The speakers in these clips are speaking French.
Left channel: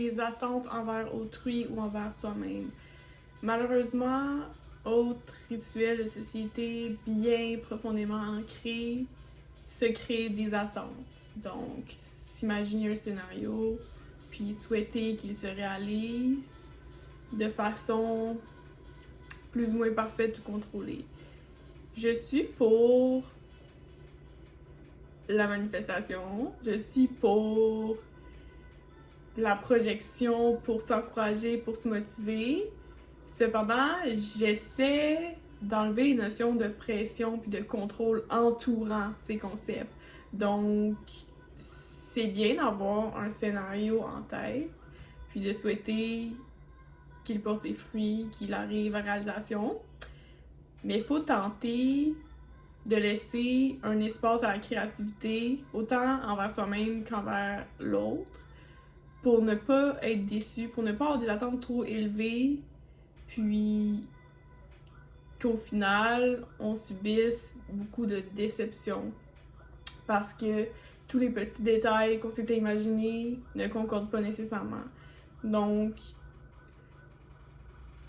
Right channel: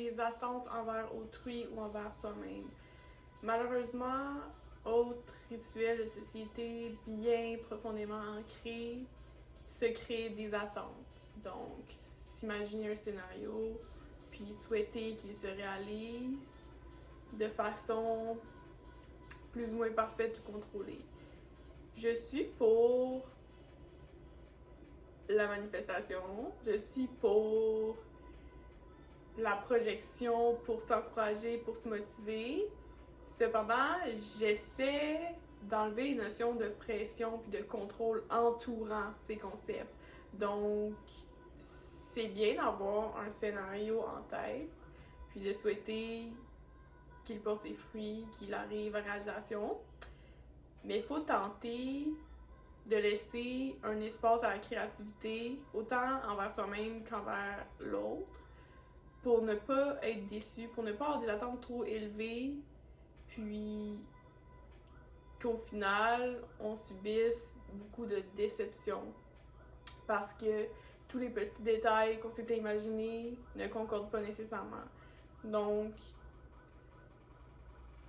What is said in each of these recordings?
les attentes envers autrui ou envers soi-même. Malheureusement, autres rituels de société bien profondément ancrés se créent des attentes. Donc, s'imaginer un scénario, puis souhaiter qu'il se réalise de façon plus ou moins parfaite ou contrôlée. Je suis pour la manifestation, je suis pour la projection, pour s'encourager, pour se motiver. Cependant, j'essaie d'enlever les notions de pression puis de contrôle entourant ces concepts. Donc, c'est bien d'avoir un scénario en tête, puis de souhaiter qu'il porte ses fruits, qu'il arrive à réalisation. Mais il faut tenter de laisser un espace à la créativité, autant envers soi-même qu'envers l'autre, pour ne pas être déçu, pour ne pas avoir des attentes trop élevées, puis qu'au final, on subisse beaucoup de déceptions. Parce que tous les petits détails qu'on s'était imaginés ne concordent pas nécessairement. Donc,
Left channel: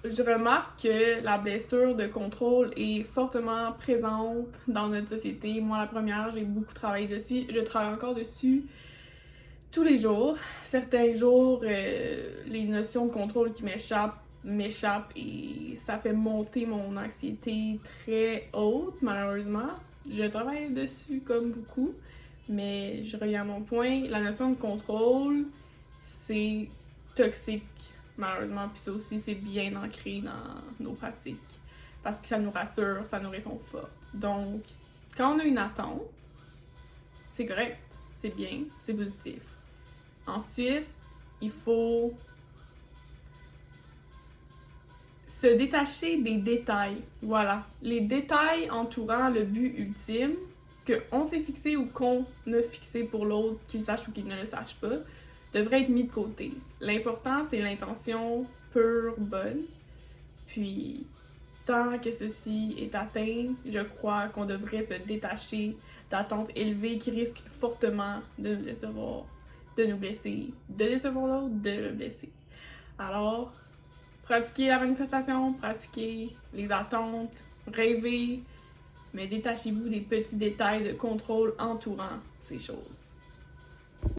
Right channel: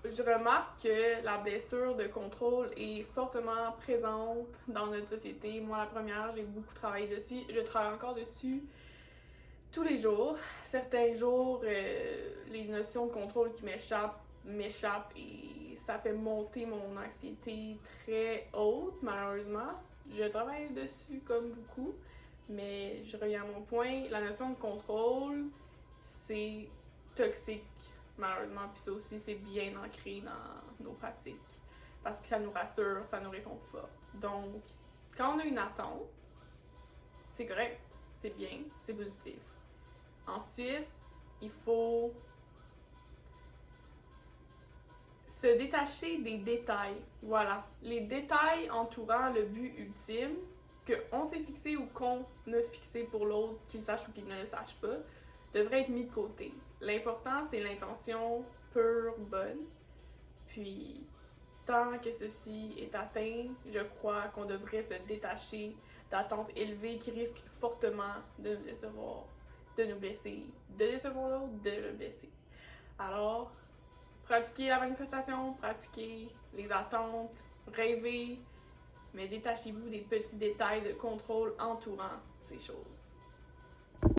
je remarque que la blessure de contrôle est fortement présente dans notre société. Moi, la première, j'ai beaucoup travaillé dessus. Je travaille encore dessus tous les jours. Certains jours, les notions de contrôle qui m'échappent et ça fait monter mon anxiété très haute, malheureusement. Je travaille dessus comme beaucoup, mais je reviens à mon point. La notion de contrôle, c'est toxique, malheureusement, puis ça aussi, c'est bien ancré dans nos pratiques, parce que ça nous rassure, ça nous réconforte. Donc, quand on a une attente, c'est correct, c'est bien, c'est positif. Ensuite, il faut se détacher des détails. Voilà, les détails entourant le but ultime qu'on s'est fixé ou qu'on a fixé pour l'autre, qu'il sache ou qu'il ne le sache pas, devrait être mis de côté. L'important, c'est l'intention pure, bonne. Puis, tant que ceci est atteint, je crois qu'on devrait se détacher d'attentes élevées qui risquent fortement de nous décevoir, de nous blesser, de décevoir l'autre, de le blesser. Alors, pratiquez la manifestation, pratiquez les attentes, rêvez, mais détachez-vous des petits détails de contrôle entourant ces choses.